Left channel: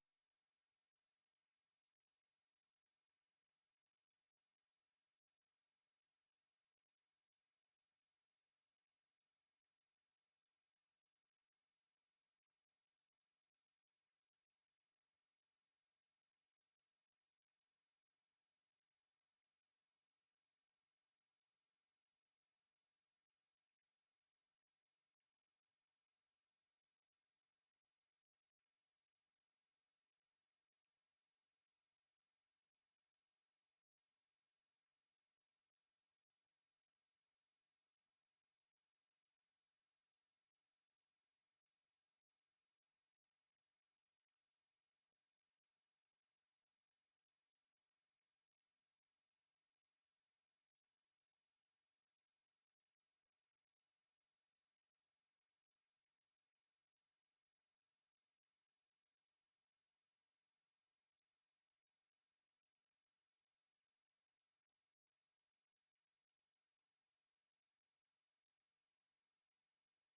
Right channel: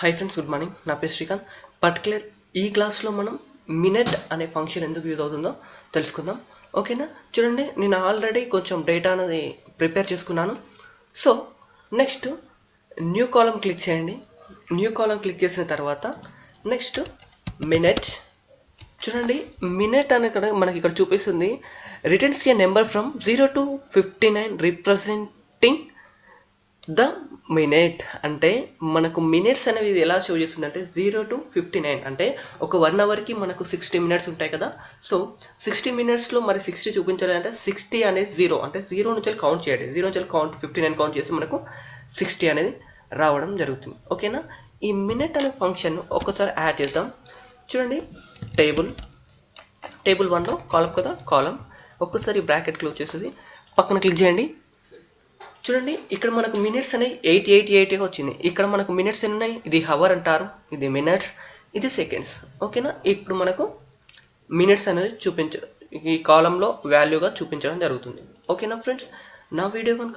Hi friends, good morning. నా పేరు Srikanth. Particular ఈ క్లాస్లో మనం మినిట్ అనే ఫంక్షన్ ఎందుకు యూజ్ అవుతుందో తెలుసుకుందాం. ఓకేనా? చూడండి, నేను ఆల్రెడీ కొంచెం డేటా అనేది ప్రిపేర్ చేసుకున్నాను. సో నెక్స్ట్ న్యూ కాలం క్లిక్ చేయండి. న్యూ కాలం క్లిక్ చేసిన తర్వాత నెక్స్ట్ మినిట్. చూడండి, మినిట్ అనే మనకి ఇక్కడ చూపిస్తుంది returns A number from 0 to 59 representing the minute. అంటే మనకు మినిట్స్ అనేవి ఇది ఎలా షో చేస్తుంది అంటే 0 to 59 అంటే ఒక 1 అవర్కి మనకు 60 మినిట్స్ ఉంటాయి కదా. సో 60 మినిట్స్లో మరి 60 చూపించాలి అంటే 60 అనేది 0 అంటే 0 నుంచి కౌంట్ చేయండి. 0 నుంచి కౌంట్ 59 కౌంట్ చేసి మనకు 60 అనేది రావడం జరుగుతుంది. ఓకేనా? ఈ మినిట్ అనే ఫంక్షన్ ఒక్కసారి యాడ్ చేద్దాం. చూడండి, టేబుల్ 1లో కాలం కదా, కాలం ఒక్కసారి బ్రాకెట్ క్లోజ్ చేసేసి పక్కన క్లిక్ చేయండి. చూడండి, ఇక్కడ మనకు మినిట్స్ అనేవి 888 వచ్చింది. ఇక్కడ మనకు మినిట్స్ ఎన్ని ఉన్నాయి? ఇది హవర్ అంటారు, ఇది మినిట్స్, ఇది సెకండ్స్. ఓకేనా? ఇప్పుడు మనకు మినిట్స్ అనేది ఈ కాలంలో వాల్యూగా చూపించడం జరుగుతుంది. ఓకేనా ఫ్రెండ్స్? నా వీడియో కనుక